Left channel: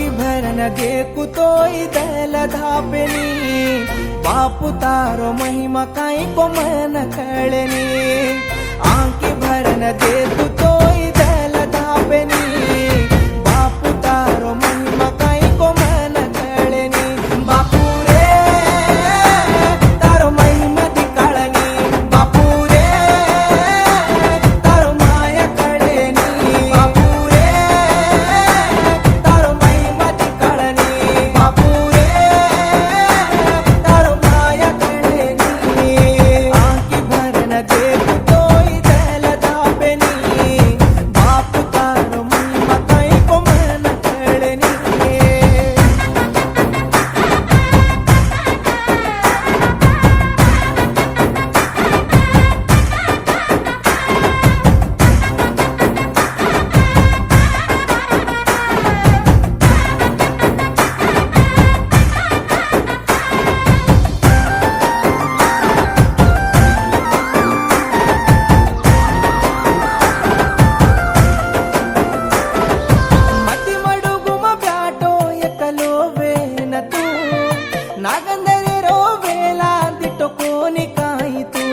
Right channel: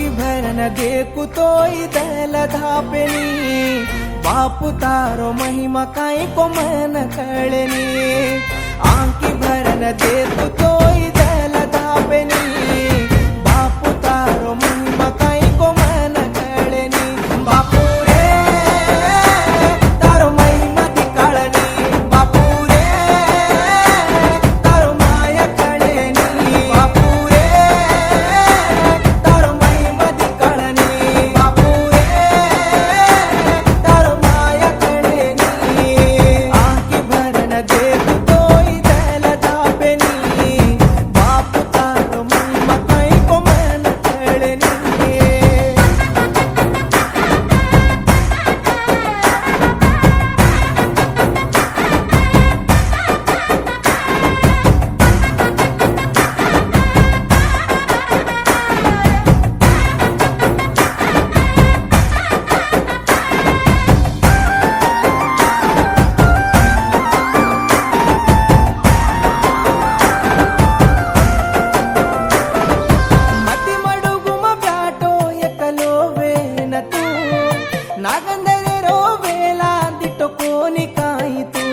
आंकी भरन देखू तोई दल धापेनी बापू तारो महिमा काई को मन कळनी आंकी भरन देखू तोई दल धापेनी बापू तारो महिमा काई को मन कळनी बापू रे तारो महिमा दिकाळनी बापू रे तारो माया कळनी बापू रे तारो महिमा दिकाळनी बापू रे तारो माया कळनी आंकी भरन देखू तोई दल धापेनी बापू तारो महिमा काई को मन कळनी मती मडुगुम ब्याटो एकलो वेन तू नागंदरे रो वेला दिटो कोनी काई तू